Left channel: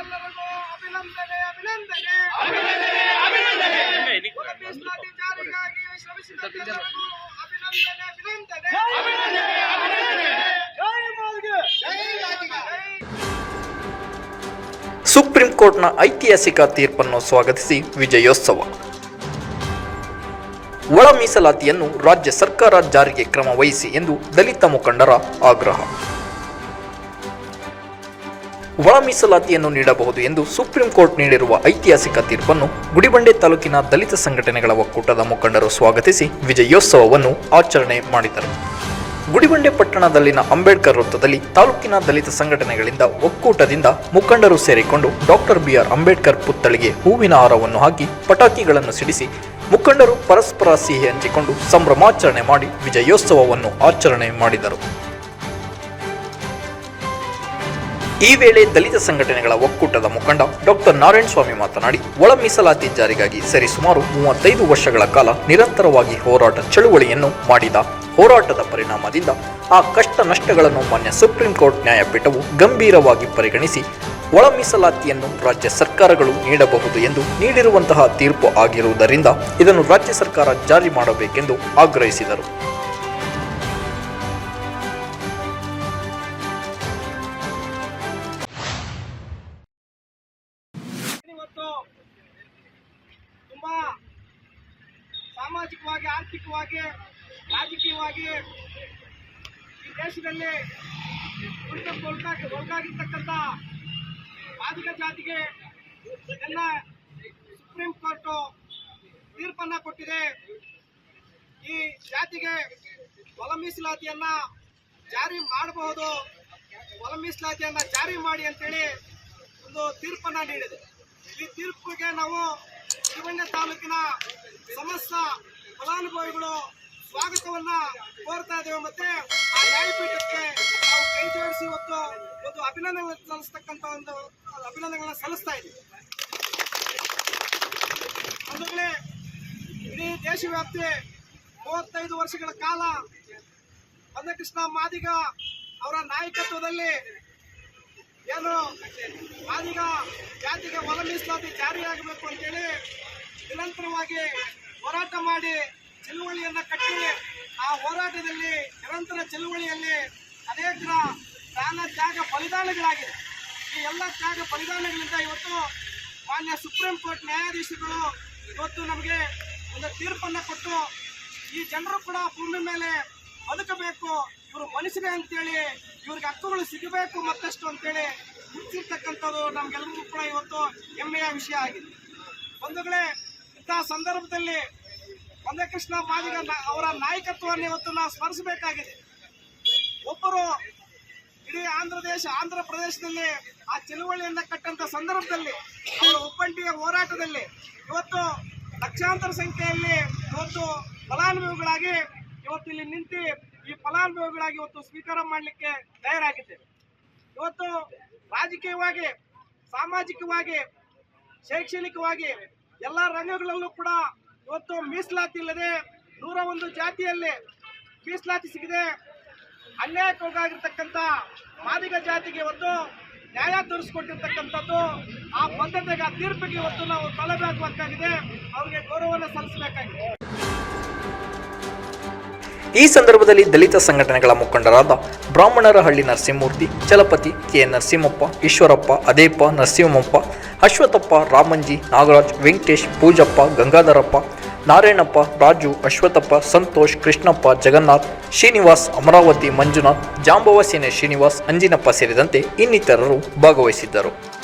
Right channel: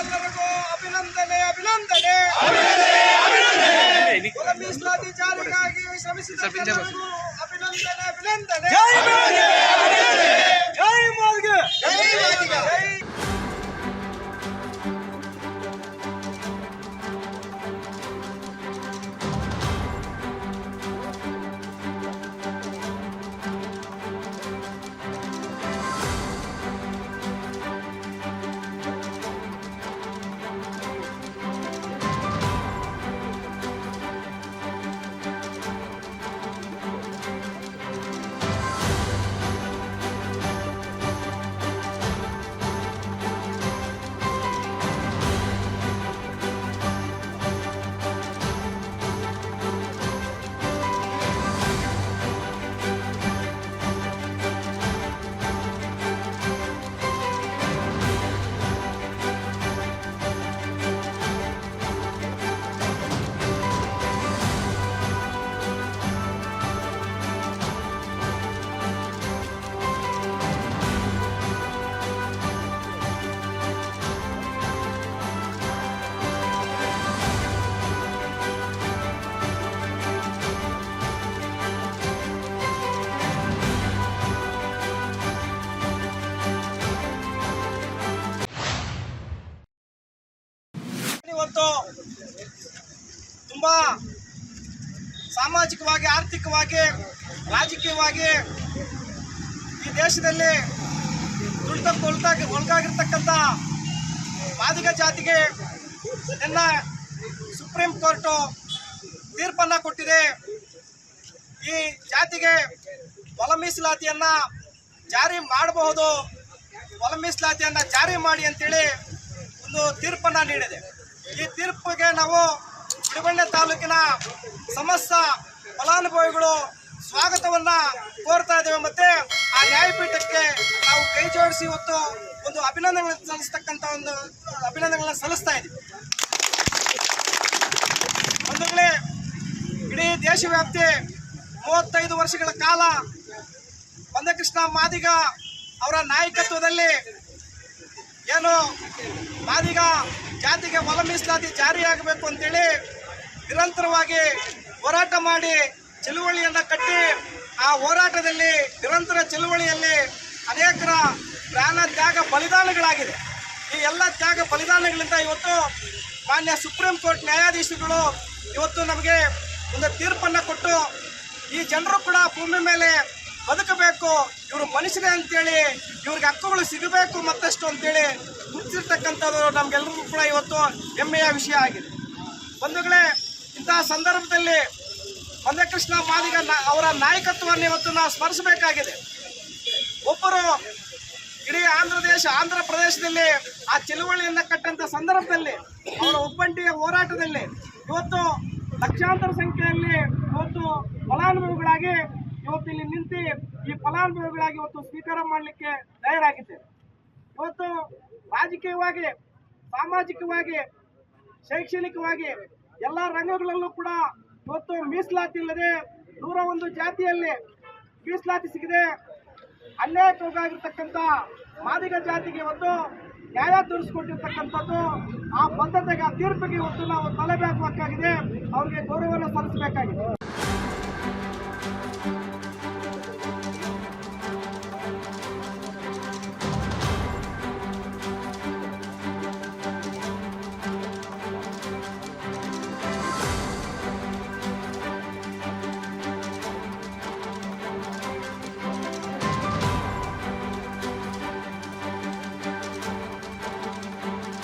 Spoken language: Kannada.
ಎಲ್ಲರಿಗೂ ಅಭಿನಂದನೆ ಅಭಿನಂದನೆ. ಮೀಸಲಾತಿ ಜಾರಿಗಾಗಿ ಶ್ರಮಿಸಿದ ಎಲ್ಲರಿಗೂ ಅಭಿನಂದನೆ ಅಭಿನಂದನೆ. ಸುಪ್ರೀಂ ಕೋರ್ಟ್ನ ಐತಿಹಾಸಿಕ ತೀರ್ಪನ್ನು ಸ್ವಾಗತಿಸಿ ವಿಜಯೋತ್ಸವ. ಒಳ ಮೀಸಲಾತಿಯನ್ನು ರಾಜ್ಯ ಸರ್ಕಾರ ಜಾರಿಗೆ ಕ್ರಮ ವಹಿಸಿ ಎಂದು ದಲಿತ ಮುಖಂಡರ ಆಗ್ರಹ. ಒಳ ಮೀಸಲಾತಿಯನ್ನು ನೀಡಬಹುದು ಎಂದು ಸುಪ್ರೀಂ ಕೋರ್ಟ್ ನೀಡಿರುವ ಐತಿಹಾಸಿಕ ತೀರ್ಪನ್ನು ಗುಡಿಬಂಡೆ ತಾಲೂಕಿನ ದಲಿತ ಸಂಘಟನೆಗಳ ಒಕ್ಕೂಟದ ಮುಖಂಡರು ಸ್ವಾಗತಿಸಿ ವಿಜಯೋತ್ಸವವನ್ನು ಆಚರಣೆ ಮಾಡಿದರು. ಗುಡಿಬಂಡೆ ಪಟ್ಟಣದಲ್ಲಿನ ಅಂಬೇಡ್ಕರ್ ವೃತ್ತದಲ್ಲಿ ತಾಲೂಕಿನ ದಲಿತ ಸಂಘಟನೆಗಳಿಂದ ಒಕ್ಕೂಟದಿಂದ ಮುಖಂಡರು ಸೇರಿಕೊಂಡು ಡಾಕ್ಟರ್ ಬಿಆರ್ ಅಂಬೇಡ್ಕರ್ ಪುತ್ಥಳಿಗೆ ಹೂವಿನ ಹಾರವನ್ನು ಹಾಕಿ ಪಟಾಕಿಗಳನ್ನು ಸಿಡಿಸಿ ಮುಖಂಡರು ಪರಸ್ಪರ ಸಿಹಿ ಹಂಚಿಕೊಂಡು ಸಂಭ್ರಮಾಚರಣೆ ಮಾಡಿ ವಿಜಯೋತ್ಸವವನ್ನು ಆಚರಣೆ ಮಾಡಿದರು. ಈ ವೇಳೆ ದಲಿತ ಸಂಘಟನೆಗಳ ಒಕ್ಕೂಟದ ಮುಖಂಡ ಡಾಕ್ಟರ್ ನಾರಾಯಣ ಸ್ವಾಮಿ ಮಾತನಾಡಿ, ಒಳ ಮೀಸಲಾತಿ ಜಾರಿಗಾಗಿ ಸರಿಸುಮಾರು ಮೂವತ್ತೈದು ವರ್ಷಗಳ ಕಾಲ ನಿರಂತರವಾಗಿ ಹೋರಾಟ ಚಳುವಳಿಯನ್ನು ಮಾಡಿದ ಹೋರಾಟದ ಪರಿಣಾಮದಿಂದ ಆ ಕಷ್ಟ ನಷ್ಟಗಳನ್ನು ಮಾನ್ಯ ಸುಪ್ರೀಂ ಕೋರ್ಟ್ ನ್ಯಾಯಪೀಠವು ಗಂಭೀರವಾಗಿ ಪರಿಗಣಿಸಿ ಒಳ ಮೀಸಲಾತಿಯನ್ನು ರಾಜ್ಯ ಸರ್ಕಾರಗಳು ನೀಡಬಹುದು ಎಂದು ನೀಡಿರುವಂತಹ ತೀರ್ಪು ಆಗಿರುವುದರಿಂದ ಇದನ್ನು ರಾಜ್ಯ ಸರ್ಕಾರ ಜಾರಿ ಮಾಡಬೇಕೆಂದು ಆಗ್ರಹಿಸಿದರು. ಇವತ್ತು ತುಂಬಾ ಸಾಮಾಜಿಕವಾಗಿ, ಆರ್ಥಿಕವಾಗಿ, ರಾಜಕೀಯವಾಗಿ ಈ ದೇಶದಲ್ಲಿ ತುಳಿತಕ್ಕೆ ಒಳಗಾಗಿ, ಒಳಗಾಗಿರ್ತಕ್ಕಂಥ ಮಾದಿಗ ಜಾತಿಗೆ ಎಲ್ಲ ಸುಪ್ರೀಂ ಕೋರ್ಟು ತೀರ್ಪನ್ನು ಕೊಟ್ಟಿದೆ. ಈ ಜಾತಿಗೆ ಒಲ ಮೀಸಲಾತಿಯನ್ನ ಜಾರಿ ಮಾಡಬಹುದು. ಒಲ ಮೀಸಲಾತಿಯನ್ನ ಜಾರಿ ಮಾಡಿ ಅಂತೇಳಿ ಒಂದು ತೀರ್ಪನ್ನು ನೀಡಿದೆ. ಈ ತೀರ್ಪಿಗೆ ನಾವು ಗುಡಿಬಂಡೆ ತಾಲೂಕಿನ ಸಮಸ್ತ ಫಲಾನುಭವಿಗಳು ಸ್ವಾಗತವನ್ನ ಕೋರ್ತಾ ಇದ್ದೇವೆ. ಮತ್ತೆ ಆ ನ್ಯಾಯಪೀಠಕ್ಕೆ ನಾವು ಕೈ ಜೋಡಿಸಿ ಇವತ್ತು ಒಂದು ಅಭಿನಂದನೆ ಸಲ್ಲಿಸ್ತಕ್ಕಂಥ ಒಂದು ಅಭಿನಂದನೆಗಳನ್ನ ಸಲ್ಲಿಸ್ತಾ ಇದ್ದೀವಿ. ಬಂಧುಗಳೇ, ಇಡೀ ದೇಶವ್ಯಾಪ್ತಿ ಮೂವತ್ತೈದು ವರ್ಷಗಳ ಕಾಲ ಬಂದಕೃಷ್ಣ ಮಾದಿಗ ಅವರ ನಾಯಕತ್ವದಲ್ಲಿ ಏನು? ನಾವೀಗ ಜಾತಿಗೆ ಹೊಲ ಮೀಸಲಾತಿ ಜಾರಿಯಾಗಬೇಕು ಅಂತೇಳಿ ನಿರಂತರವಾಗಿ ಹೋರಾಟ ಮಾಡಿ ಚಳುವಳಿಯನ್ನು ಕಟ್ಟಿ ಆ ಹೋರಾಟದಲ್ಲಿ ನಿರಂತರ ಚಳುವಳಿಯಲ್ಲಿ ಅನೇಕರ ಪ್ರಾಣ ತ್ಯಾಗ ಬಲಿದಾನಗಳಾಗಿದೆ. ಈ ಎಲ್ಲ ತ್ಯಾಗ ಬಲಿದಾನಗಳಿಂದ ಇವತ್ತು ಮಾನ್ಯ ಸುಪ್ರೀಂ ಕೋರ್ಟ್ ನ್ಯಾಯಾಧೀಶರುಗಳು ಇವತ್ತು ನಮಗೆ ಒಂದು ತೀರ್ಪನ್ನು ಕೊಟ್ಟು ಈ ಜನರು ಕೂಡ ಭೂಮಿ ಮೇಲೆ ಬದುಕಬೇಕು. ಇವರು ಮನುಷ್ಯರೇ ಅಂತೇಳಿ, ಇವ್ರಿಗೆ ಹಕ್ಕುಗಳು ಸಿಗಬೇಕು ಮತ್ತಷ್ಟು ಅಂತೇಳಿ ಮುಚ್ಚಿರ್ತಕ್ಕಂಥದ್ದು ನಮಗೆಲ್ಲರಿಗೂ ಕೂಡ ಇವತ್ತು ಹೆಮ್ಮೆಯ ವಿಷಯ ಆಗಿದೆ. ಬಂಧುಗಳೇ ಇಂತಹ ಸಂದರ್ಭದಲ್ಲಿ ಮಂದಕೃಷ್ಣ ಮಾದಿಗ ಅವರ ನಾಯಕತ್ವವನ್ನು ಇವತ್ತು ನಾವು ಸ್ಮರಿಸಬೇಕಾಗಿದೆ. ಒಬ್ಬರು ಇಡೀ ಆಂಧ್ರ ದೇಶ, ಆಂಧ್ರ ಪ್ರದೇಶದಲ್ಲಿ ಆ ಚಳುವಳಿಯನ್ನು ಕಟ್ಟಂತ ಸಂದರ್ಭದಲ್ಲಿ, ಅವರ ಒಬ್ಬಂಟಿಯ ಹೋರಾಟದಲ್ಲಿ ಇವತ್ತು ಲಕ್ಷಾಂತರ ಸಂಖ್ಯೆಯಲ್ಲಿ ಇವತ್ತು ಫಲಾನುಭವಿಗಳಾಗಿ ಇವತ್ತು ಇಲ್ಲಿ ನಿಂತು ಈ ಫಲಾನುಭವಿಗಳಾಗಿ ಇವತ್ತು ಸ್ವೀಕಾರ ಮಾಡಲಿಕ್ಕೆ ತಯಾರಾಗಿದ್ದೇವೆ ಇವತ್ತು ರಾಜಕೀಯವಾಗಿ, ಸಾಮಾಜಿಕವಾಗಿ, ಶೈಕ್ಷಣಿಕವಾಗಿ ಎಲ್ಲ ರಂಗಗಳಲ್ಲೂ ಕೂಡ ಇವತ್ತು ಮೀಸಲಾತಿ ಇಲ್ಲದೆ ನೂರ ಒಂದು ಜಾತಿಯಲ್ಲಿ ಮೀಸಲಾತಿ ಸಿಗದೆ ಅನ್ಯಾಯಕ್ಕೊಳಗಾಗಿರ್ತಕ್ಕಂಥ ಮಾದಿಗ ಜಾತಿಗೆ ಇವತ್ತು ನ್ಯಾಯ ತೋರಿಸ್ಕೊಟ್ಟಿರ್ತಕ್ಕಂಥದ್ದು ಆ ಬದ್ಧತೆಗೆ ಆ ತೀರ್ಪಿಗೆ ಇವತ್ತು ನಾವು ತಲೆಬೇಕಾಗಿದೆ ಅವ್ರಿಗೆ ಗೌರವವನ್ನು ಸಲ್ಲಿಸಬೇಕಾಗಿದೆ. ಈ ಸಂದರ್ಭದಲ್ಲಿ ದಲಿತ ಸಂಘಟನೆಗಳ ಮುಖಂಡರಾದ ಬ್ರಾಹ್ಮಣರ ಹಳ್ಳಿ ನರಸಿಂಹಮೂರ್ತಿ, ಚಲಪತಿ ಕೆ ನರಸಿಂಹಪ್ಪ, ಈಶ್ವರಪ್ಪ, ಅದೇಪ್ಪ, ನರಸಿಂಹಪ್ಪ, ಅಶ್ವಥಪ್ಪ, ರಾಮಂಜಿ, ನಾಗರಾಜ್, ವೆಂಕಟೇಶ್, ಪೂಜಪ್ಪ, ಗಂಗಾಧರಪ್ಪ, ನಾರಾಯಣಪ್ಪ, ರಾಜು, ಅಶ್ವಥಪ್ಪ, ಸಂತೋಷ್, ಕೃಷ್ಣಪ್ಪ, ಜಗನ್ನಾಥ್, ಶ್ರೀನಿವಾಸ್, ಅಮರಾವತಿ, ಮಂಜುನಾಥ್, ಜಾಂಬವ ಸೇನೆ ಶ್ರೀನಿವಾಸ್, ಅಂಜಿನಪ್ಪ ಸೇರಿದಂತೆ ಇನ್ನಿತರರು ಭಾಗವಹಿಸಿದ್ದರು.